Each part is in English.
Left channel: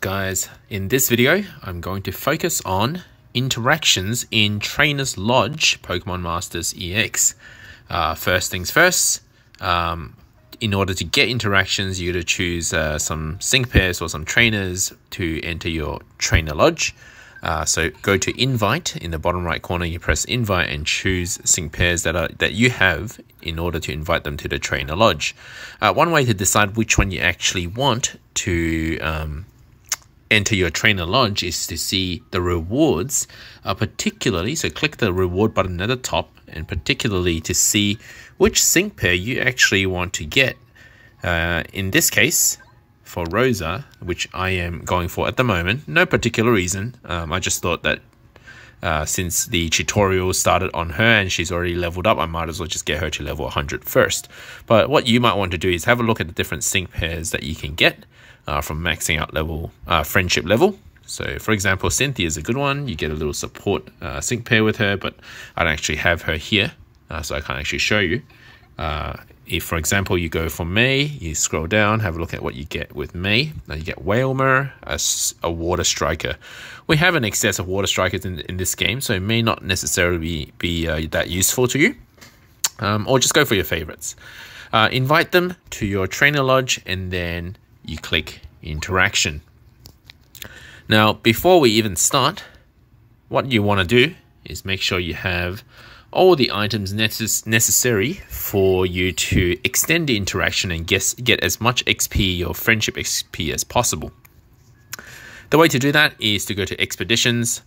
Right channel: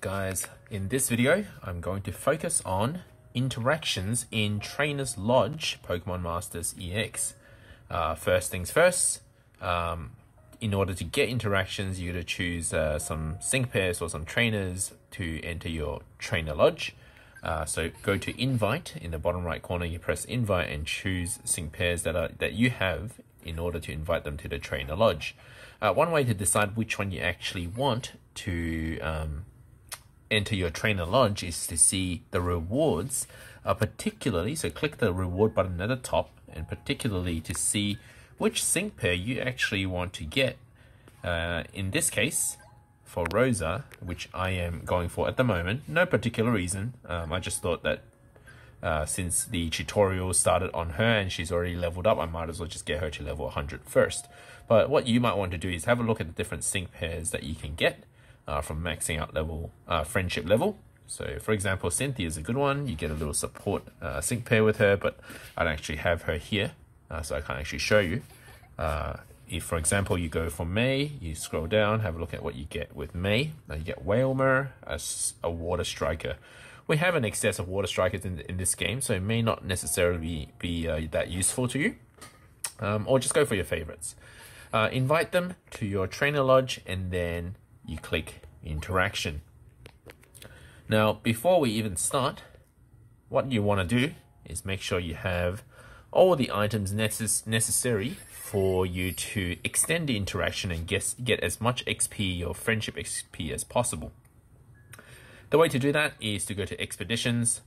up, guys? In this video, I'm going to focus on interactions in Trainer's Lodge Pokemon Masters EX. First things first, in order to get interactions, you got to choose some sync pairs or some trainers to enter your Trainer Lodge. So go to Invite in the bottom right corner. You press Invite and choose sync pairs that you have in order to invite them to the Trainer Lodge. One way to decide which one you actually want to enter your Trainer Lodge is to see the rewards, particularly. So click the reward button at the top, and particularly to see which sync pair you actually want to get. In this case, for Rosa, which I am going for at the moment, no particular reason. I just thought that since the tutorial started on her and she's already leveled up, I might as well just get her to level 100 first. But what you might want to do is have a look at the different sync pairs that you can get from maxing out level, friendship level. So for example, Cynthia is a good one. You get a little support sync pair with her, but I don't actually have her here, so I can't actually show you. If, for example, you go for May, you scroll down, have a look at what you get with May. Now you get Whalmer, a Water Striker. We have an excess of Water Strikers in this game, so it may not necessarily be that useful to you. Or just go for your favorites. Invite them to your Trainer Lodge, and then you click Interaction. Now, before we even start, what you want to do is make sure you have all the items necessary for you to extend the interaction and get as much XP or friendship XP as possible. The way to do that is to go to Expeditions.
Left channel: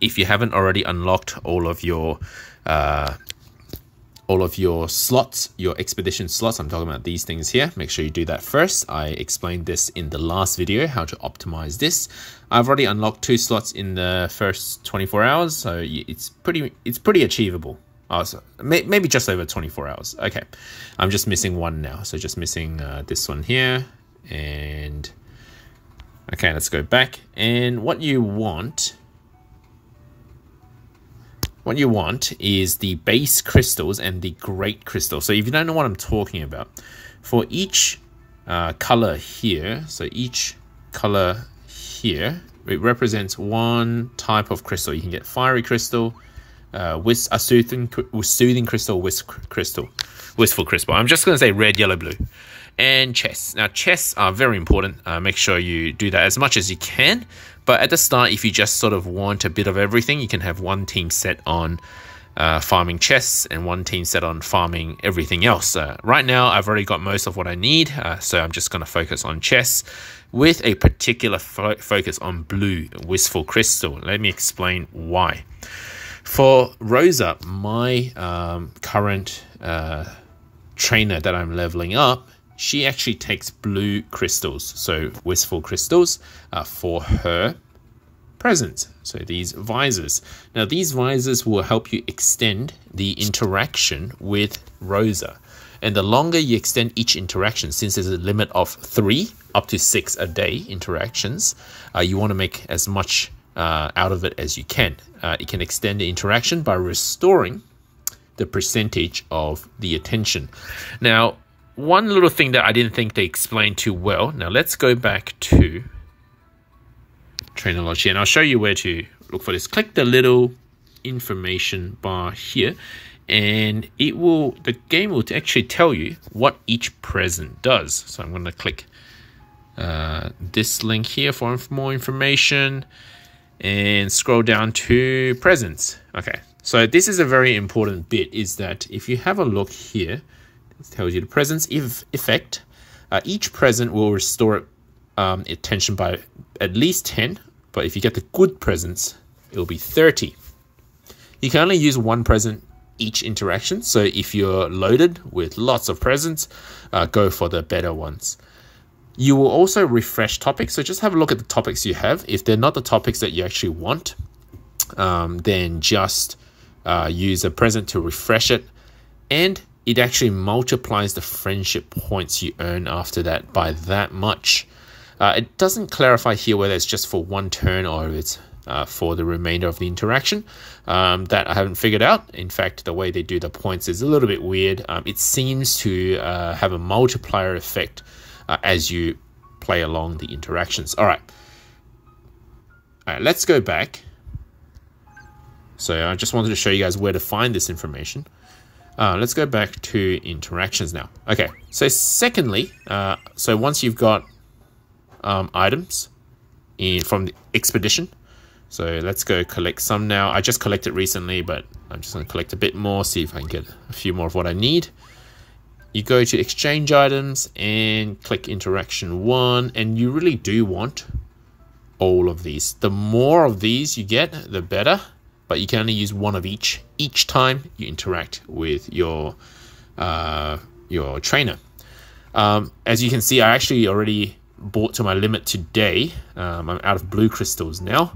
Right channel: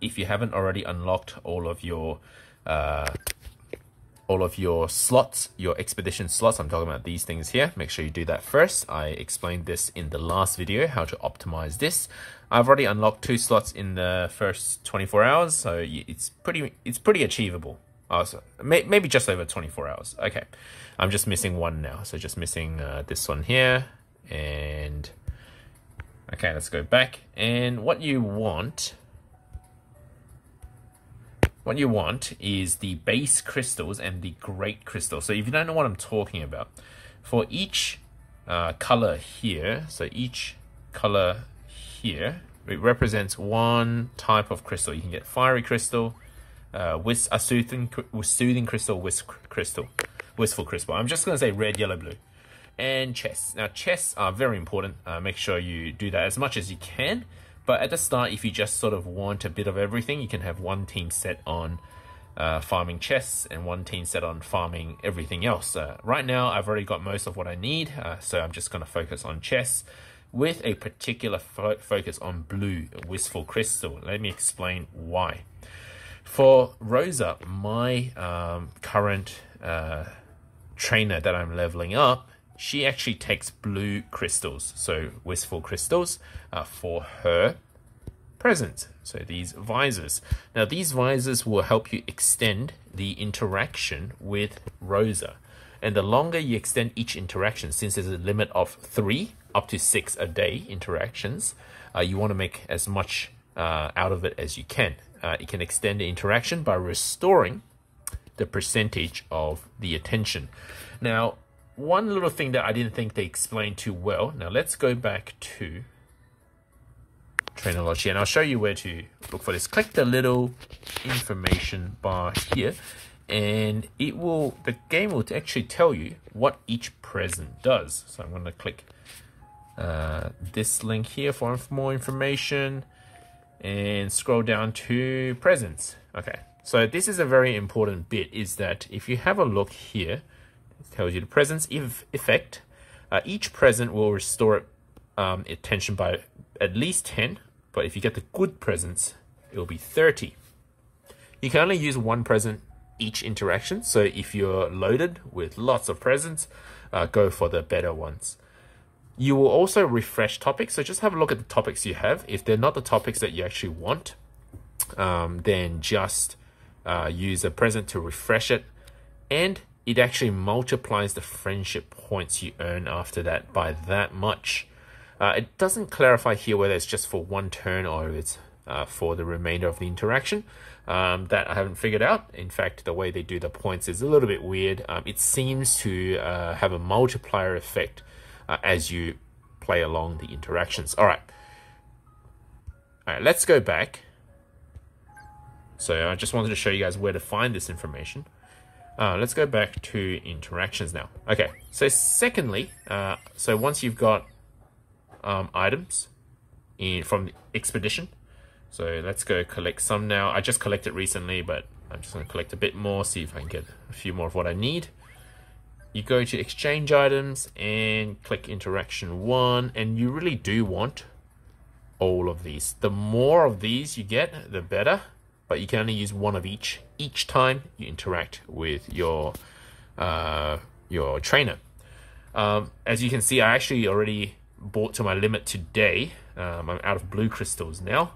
If you haven't already unlocked all of your slots, your expedition slots, I'm talking about these things here, make sure you do that first. I explained this in the last video, how to optimize this. I've already unlocked 2 slots in the first 24 hours, so it's pretty achievable. So maybe just over 24 hours. Okay, I'm just missing one now, so just missing this one here. And okay, let's go back. And what you want is the base crystals and the great crystal. So if you don't know what I'm talking about, for each color here, so each color here, it represents one type of crystal. You can get fiery crystal, soothing crystal, wistful crystal. I'm just going to say red, yellow, blue. And chests. Now chests are very important. Make sure you do that as much as you can. But at the start, if you just sort of want a bit of everything, you can have one team set on farming chests and one team set on farming everything else. Right now, I've already got most of what I need, so I'm just going to focus on chests with a particular focus on blue, wistful crystal. Let me explain why. For Rosa, my current trainer that I'm leveling up, she actually takes blue crystals, so wistful crystals, for her presents. So these visors. Now these visors will help you extend the interaction with Rosa. And the longer you extend each interaction, since there's a limit of 3 up to 6 a day interactions, you want to make as much out of it as you can. It can extend the interaction by restoring the percentage of the attention. Now, one little thing that I didn't think they explained too well. Now let's go back to Trainer Lodge here, and I'll show you where to look for this. Click the little information bar here, and the game will actually tell you what each present does. So I'm going to click this link here for more information and scroll down to presents. Okay, so this is a very important bit, is that if you have a look here, tells you the presence effect. Each present will restore attention by at least 10, but if you get the good presents, it will be 30. You can only use one present each interaction, so if you're loaded with lots of presents, go for the better ones. You will also refresh topics, so just have a look at the topics you have. If they're not the topics that you actually want, then just use a present to refresh it, and it actually multiplies the friendship points you earn after that by that much. It doesn't clarify here whether it's just for one turn or it's for the remainder of the interaction. That I haven't figured out. In fact, the way they do the points is a little bit weird. It seems to have a multiplier effect as you play along the interactions. All right. All right, let's go back. So I just wanted to show you guys where to find this information. Let's go back to interactions now. Okay, so secondly, so once you've got items from the expedition, so let's go collect some now. I just collected recently, but I'm just going to collect a bit more, see if I can get a few more of what I need. You go to exchange items and click interaction 1, and you really do want all of these. The more of these you get, the better, but you can only use one of each time you interact with your trainer. As you can see, I actually already bought to my limit today. I'm out of blue crystals now,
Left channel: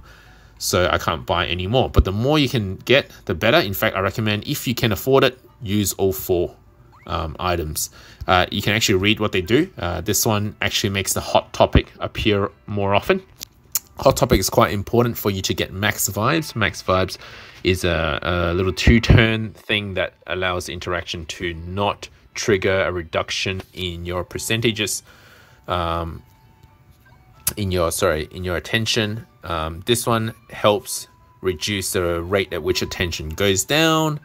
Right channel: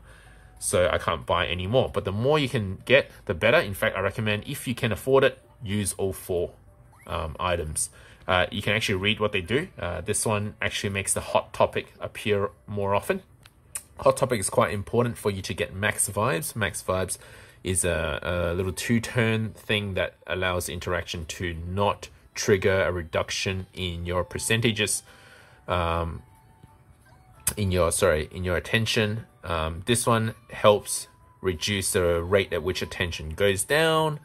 so I can't buy any more. But the more you can get, the better. In fact, I recommend, if you can afford it, use all 4 items. You can actually read what they do. This one actually makes the hot topic appear more often. Hot topic is quite important for you to get max vibes. Max vibes is a little 2-turn thing that allows the interaction to not trigger a reduction in your percentages, in your attention. This one helps reduce the rate at which attention goes down,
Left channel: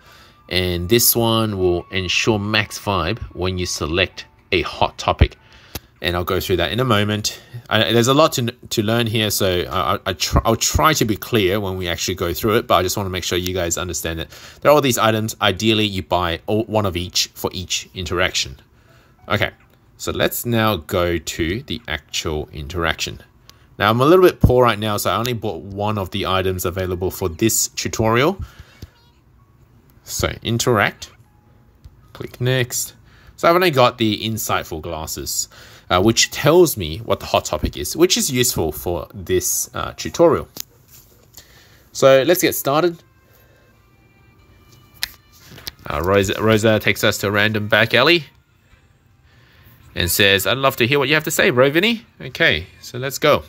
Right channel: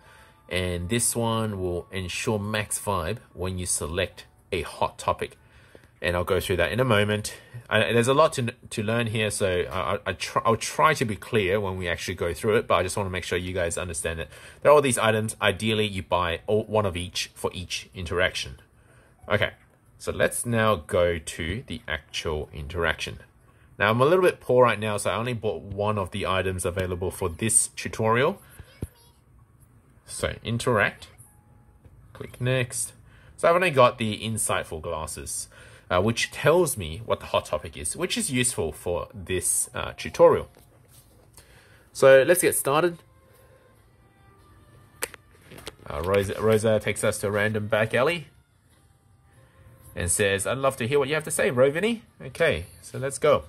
and this one will ensure max vibe when you select a hot topic. And I'll go through that in a moment. There's a lot to learn here, so I'll try to be clear when we actually go through it, but I just want to make sure you guys understand it. There are all these items. Ideally, you buy one of each for each interaction. Okay, so let's now go to the actual interaction. Now, I'm a little bit poor right now, so I only bought one of the items available for this tutorial. So, interact. Click next. So I've only got the insightful glasses, which tells me what the hot topic is, which is useful for this tutorial. So let's get started. Rosa takes us to a random back alley and says, "I'd love to hear what you have to say, bro, Vinny." Okay, so let's go.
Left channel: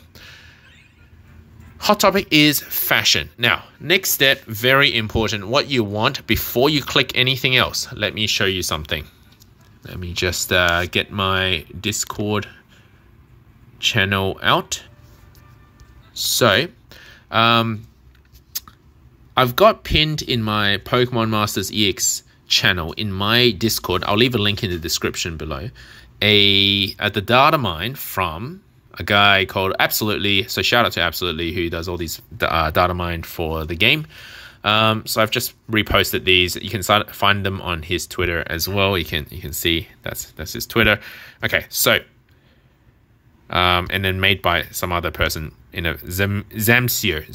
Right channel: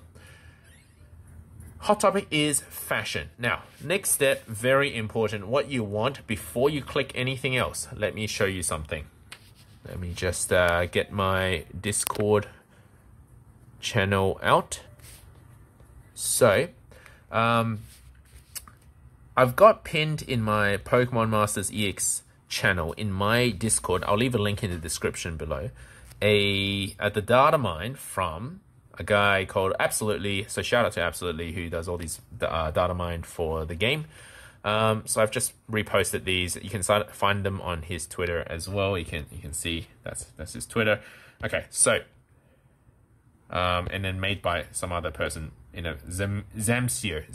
Hot topic is fashion. Now, next step, very important, what you want before you click anything else. Let me show you something. Let me just get my Discord channel out. So, I've got pinned in my Pokemon Masters EX channel in my Discord. I'll leave a link in the description below. The data mine from a guy called Absolutely. So shout out to Absolutely, who does all these data mine for the game. So I've just reposted these. You can find them on his Twitter as well. You can see that's his Twitter. Okay, so and then made by some other person in a Zamcio.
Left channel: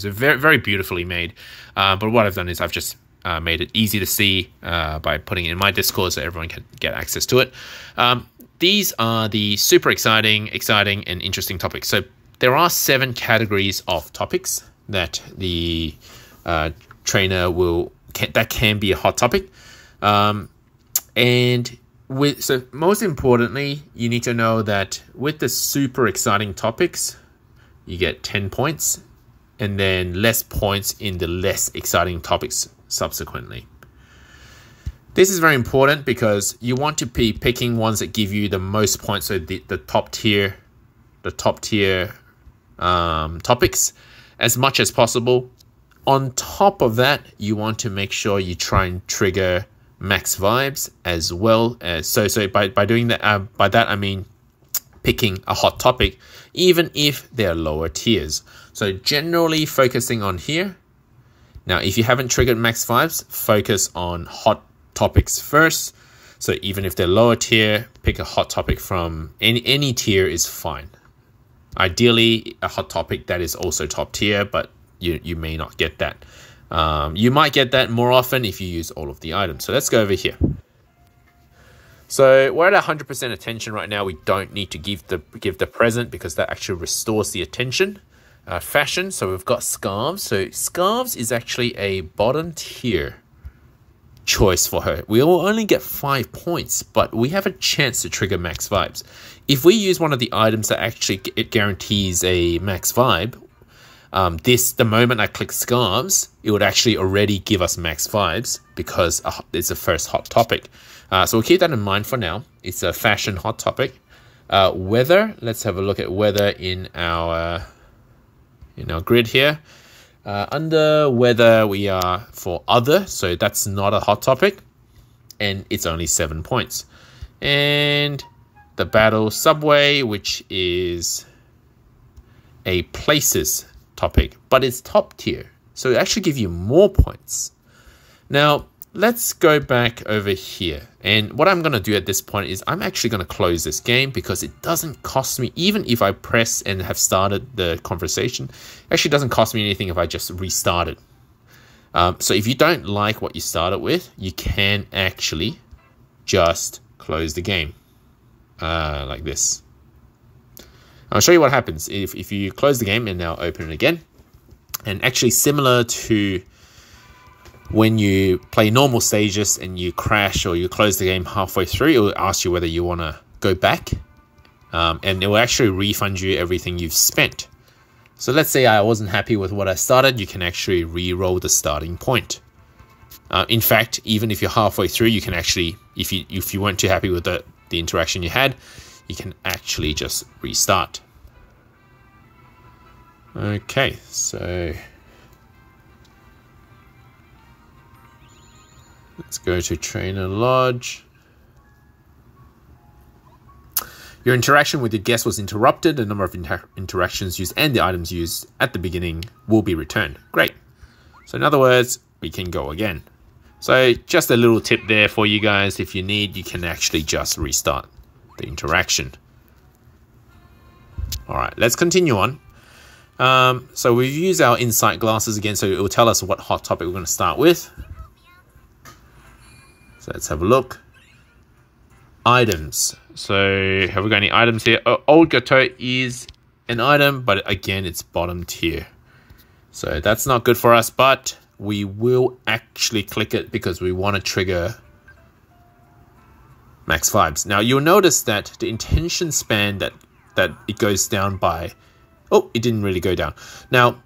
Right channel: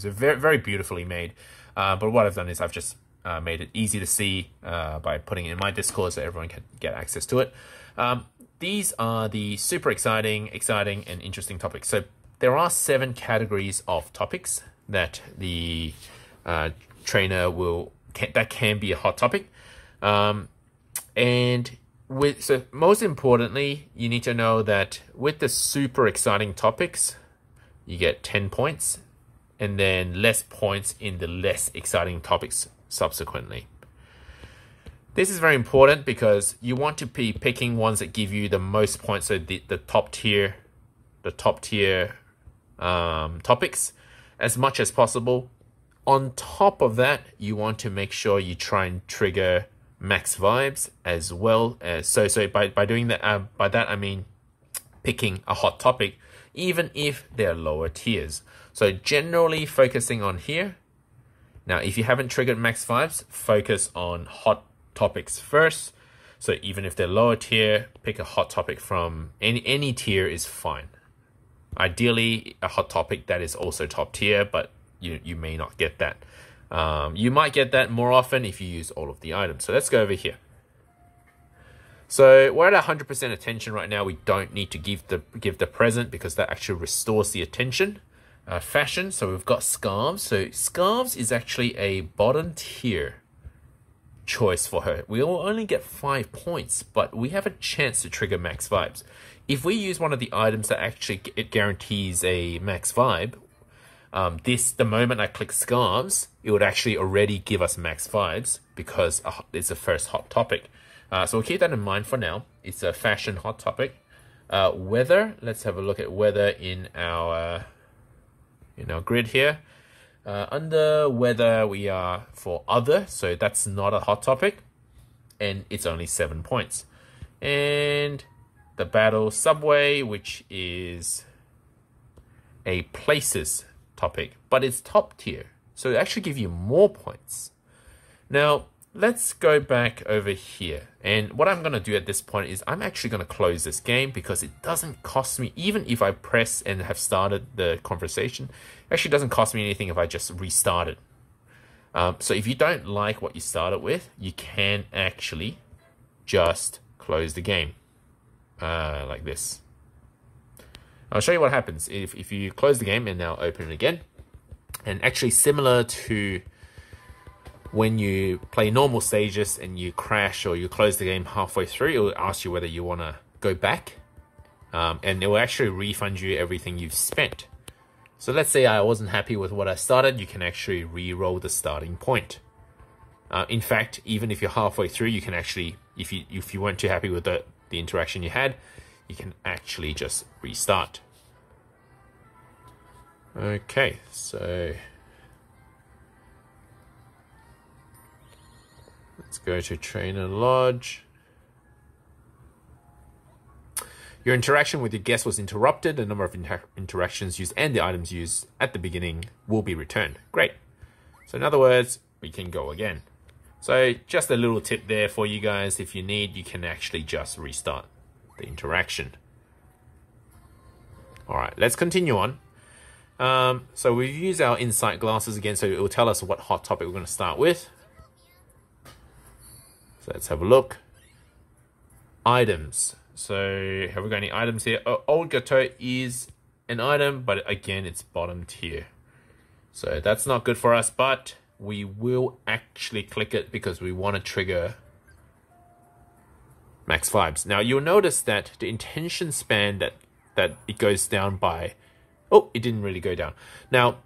So very, very beautifully made. But what I've done is I've just made it easy to see by putting it in my Discord so everyone can get access to it. These are the super exciting and interesting topics. So there are 7 categories of topics that the trainer that can be a hot topic. So most importantly, you need to know that with the super exciting topics, you get 10 points, and then less points in the less exciting topics subsequently. This is very important because you want to be picking ones that give you the most points, so the top tier topics as much as possible. On top of that, you want to make sure you try and trigger max vibes as well. So by doing that, by that I mean picking a hot topic, even if they're lower tiers. So generally focusing on here. Now, if you haven't triggered max vibes, focus on hot topics first. So even if they're lower tier, pick a hot topic from any tier is fine. Ideally, a hot topic that is also top tier, but you may not get that. You might get that more often if you use all of the items. So let's go over here. So we're at 100% attention right now. We don't need to give the present because that actually restores the attention. Fashion, so we've got Scarves. So Scarves is actually a bottom tier choice for her. We will only get 5 points, but we have a chance to trigger max vibes. If we use one of the items that actually it guarantees a max vibe, the moment I click Scarves, it would actually already give us max vibes because it's the first hot topic. So we'll keep that in mind for now. It's a fashion hot topic. Weather, let's have a look at weather in our in our grid here. Under weather, we are for other, so that's not a hot topic, and it's only 7 points. And the battle subway, which is a places topic, but it's top tier, so it actually gives you more points. Now, let's go back over here. And what I'm going to do at this point is I'm actually going to close this game because it doesn't cost me, even if I press and have started the conversation, it actually doesn't cost me anything if I just restart it. So if you don't like what you started with, you can actually just close the game like this. I'll show you what happens if you close the game and now open it again. And actually similar to when you play normal stages and you crash or you close the game halfway through, it will ask you whether you want to go back. And it will actually refund you everything you've spent. So let's say I wasn't happy with what I started, you can actually re-roll the starting point. In fact, even if you're halfway through, you can actually, if you weren't too happy with the interaction you had, you can actually just restart. Okay, so let's go to Trainer Lodge. Your interaction with your guest was interrupted. The number of interactions used and the items used at the beginning will be returned. Great. So in other words, we can go again. So just a little tip there for you guys. If you need, you can actually just restart the interaction. All right, let's continue on. So we've used our insight glasses again, so it will tell us what hot topic we're going to start with. So let's have a look. Items. So have we got any items here? Old Gateau is an item, but again, it's bottom tier. So that's not good for us, but we will actually click it because we want to trigger max vibes. Now you'll notice that the intention span that it goes down by, oh, it didn't really go down. Now,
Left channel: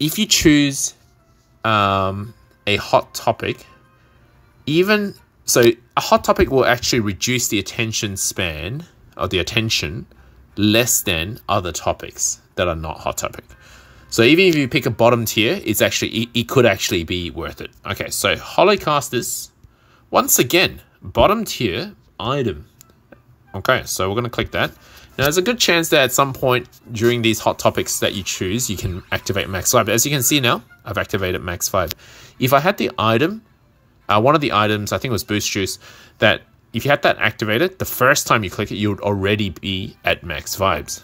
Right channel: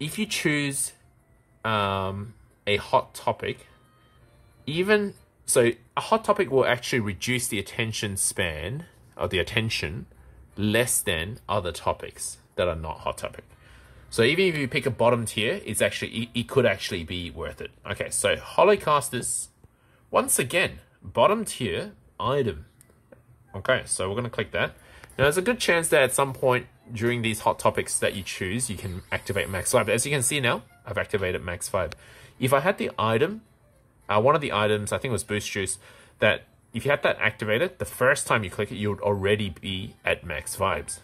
if you choose a hot topic, so a hot topic will actually reduce the attention span or the attention less than other topics that are not hot topic. So even if you pick a bottom tier, it's actually, it could actually be worth it. Okay, so Holocasters, once again, bottom tier item. Okay, so we're going to click that. Now, there's a good chance that at some point during these hot topics that you choose, you can activate max 5. But as you can see now, I've activated max 5. If I had the item, one of the items, I think it was Boost Juice, that if you had that activated, the first time you click it, you would already be at max vibes.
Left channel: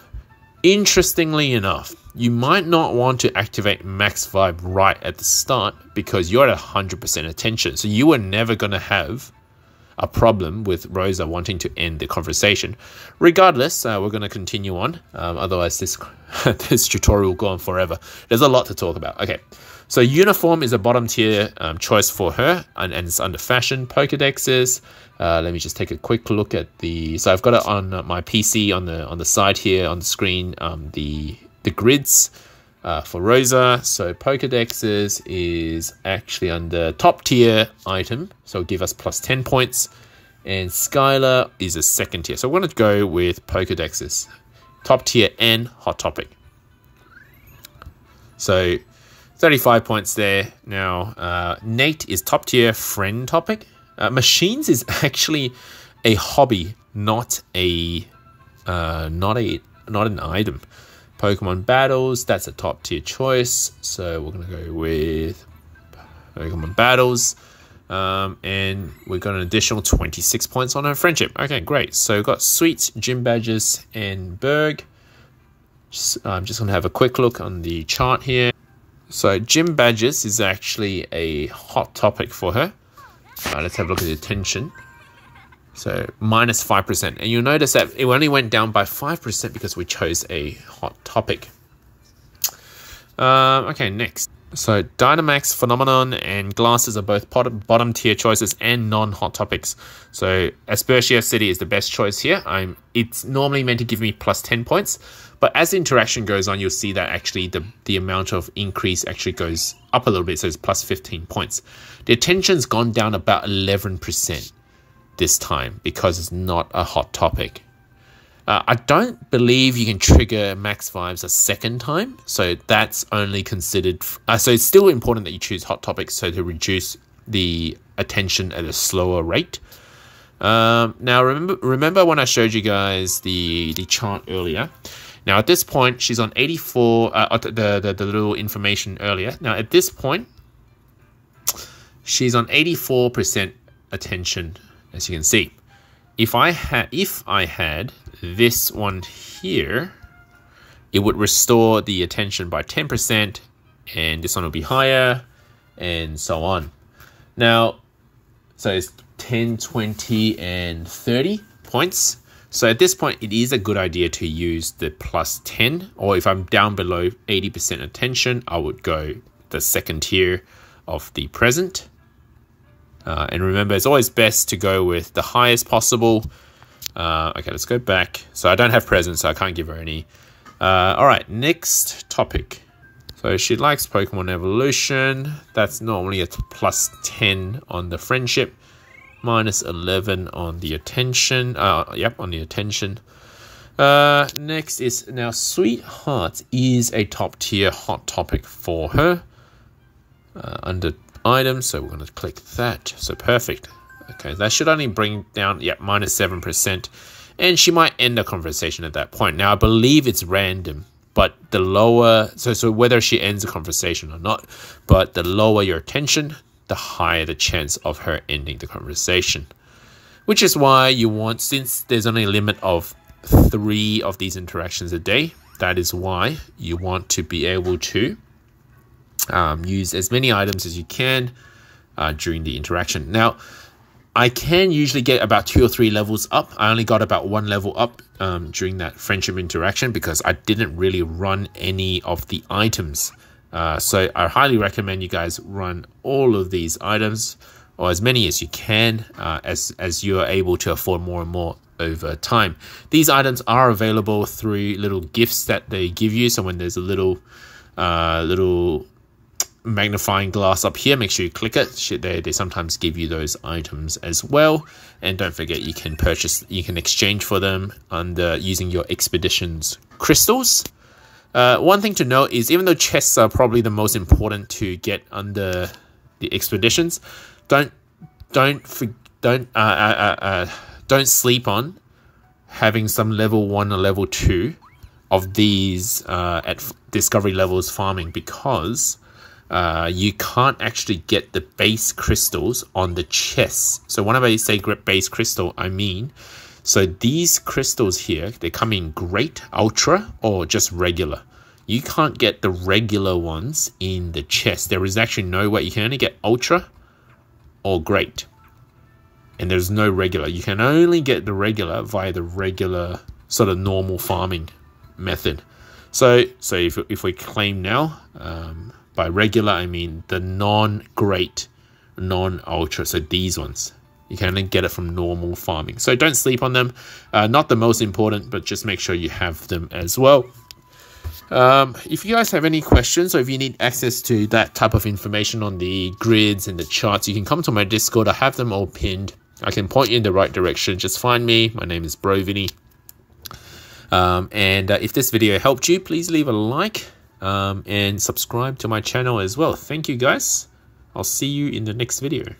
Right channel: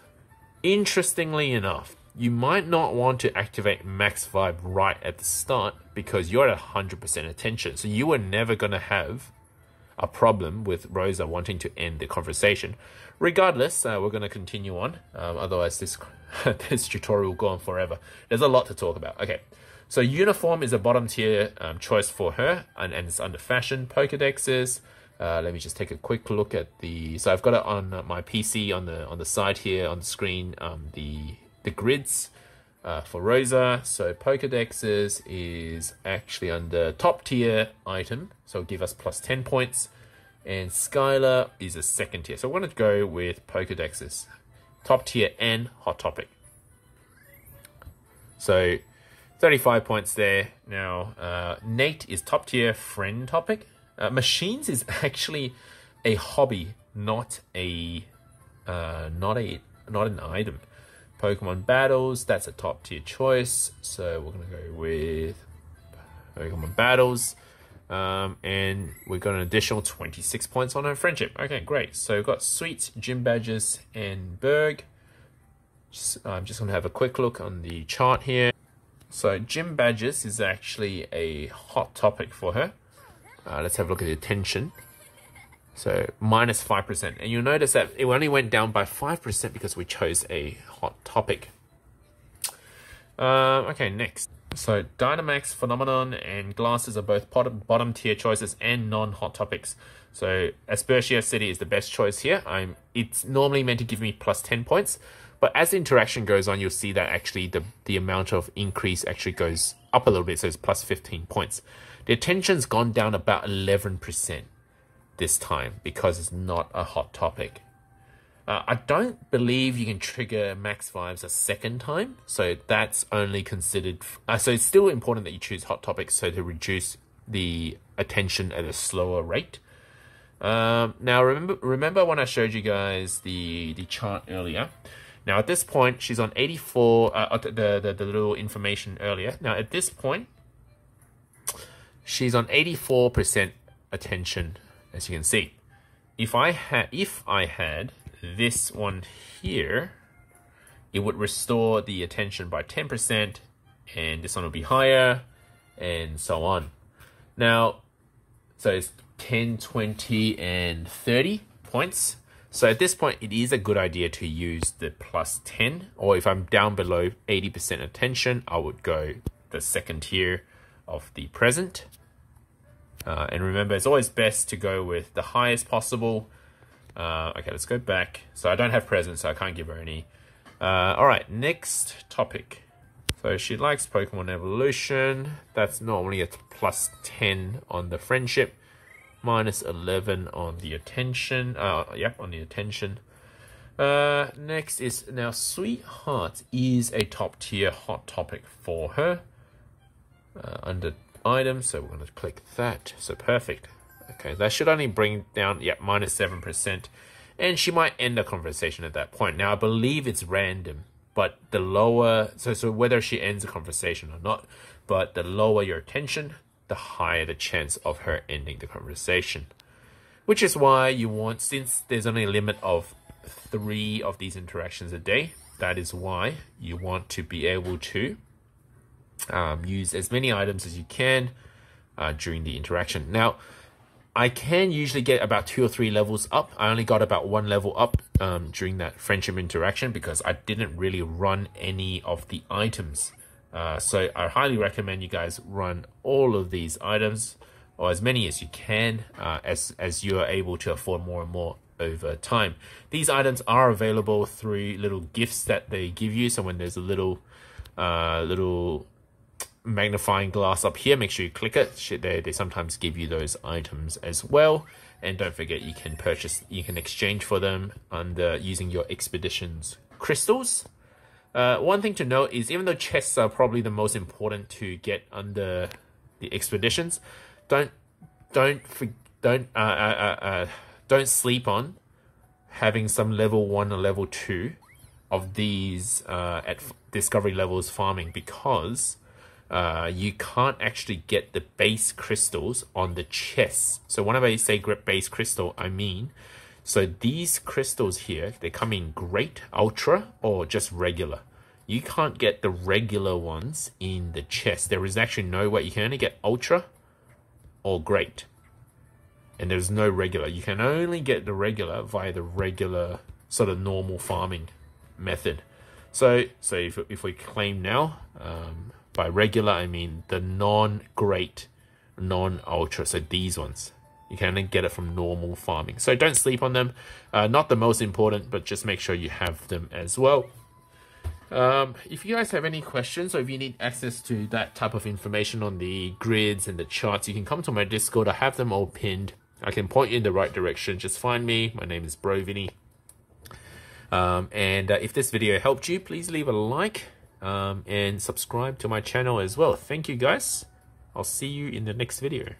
Interestingly enough, you might not want to activate max vibe right at the start because you're at 100% attention. So you are never going to have a problem with Rosa wanting to end the conversation. Regardless, we're going to continue on. Otherwise, this tutorial will go on forever. There's a lot to talk about. Okay, so uniform is a bottom tier choice for her, and it's under fashion. Pokedexes. Let me just take a quick look at the. So I've got it on my PC on the side here on the screen. The grids for Rosa. So Pokedexes is actually under top tier item, so give us plus 10 points. And Skylar is a second tier. So we're going to go with Pokedexes, top tier and hot topic. So 35 points there. Now Nate is top tier friend topic. Machines is actually a hobby, not an item. Pokemon Battles, that's a top tier choice. So we're going to go with Pokemon Battles. And we got an additional 26 points on her friendship. Okay, great. So we've got Sweets, Gym Badges, and Berg. I'm just going to have a quick look on the chart here. So Gym Badges is actually a hot topic for her. Let's have a look at the attention. So minus 5%. And you'll notice that it only went down by 5% because we chose a hot topic. Okay, next. So Dynamax, Phenomenon, and Glasses are both bottom tier choices and non-hot topics. So Aspertia City is the best choice here. It's normally meant to give me plus 10 points. But as the interaction goes on, you'll see that actually the amount of increase actually goes up a little bit. So it's plus 15 points. The attention's gone down about 11%. This time because it's not a hot topic. I don't believe you can trigger max vibes a second time, so that's only considered. So it's still important that you choose hot topics, so to reduce the attention at a slower rate. Now remember when I showed you guys the chart earlier. Now at this point she's on 84. The little information earlier. Now at this point she's on 84% attention, as you can see. If I had this one here, it would restore the attention by 10%, and this one will be higher, and so on. Now, so it's 10, 20, and 30 points. So at this point, it is a good idea to use the plus 10, or if I'm down below 80% attention, I would go the second tier of the present. And remember, it's always best to go with the highest possible. Okay, let's go back. So I don't have present, so I can't give her any. All right, next topic. So she likes Pokemon Evolution. That's normally a plus 10 on the friendship. Minus 11 on the attention. Yep, on the attention. Next is, now Sweetheart is a top tier hot topic for her. Under items, so we're going to click that. So perfect. Okay, that should only bring down, yeah, minus 7%. And she might end the conversation at that point. Now, I believe it's random, but the lower, so whether she ends the conversation or not, but the lower your attention, the higher the chance of her ending the conversation. Which is why you want, since there's only a limit of 3 of these interactions a day, that is why you want to be able to use as many items as you can during the interaction. Now, I can usually get about 2 or 3 levels up. I only got about 1 level up during that friendship interaction because I didn't really run any of the items. So I highly recommend you guys run all of these items, or as many as you can, as you are able to afford more and more over time. These items are available through little gifts that they give you. So when there's a little magnifying glass up here, make sure you click it. They sometimes give you those items as well. And don't forget, you can exchange for them using your expeditions crystals. One thing to note is, even though chests are probably the most important to get under the expeditions, don't sleep on having some level 1 or level 2 of these at discovery levels farming, because you can't actually get the base crystals on the chests. So whenever I say base crystal, I mean, so these crystals here, they come in great, ultra, or just regular. You can't get the regular ones in the chest. There is actually no way. You can only get ultra or great. And there's no regular. You can only get the regular via the regular sort of normal farming method. So if we claim now, by regular, I mean the non-great, non-ultra. So these ones, you can only get it from normal farming. So don't sleep on them. Not the most important, but just make sure you have them as well. If you guys have any questions, or if you need access to that type of information on the grids and the charts, you can come to my Discord. I have them all pinned. I can point you in the right direction. Just find me. My name is BroVinny. If this video helped you, please leave a like and subscribe to my channel as well. Thank you guys. I'll see you in the next video.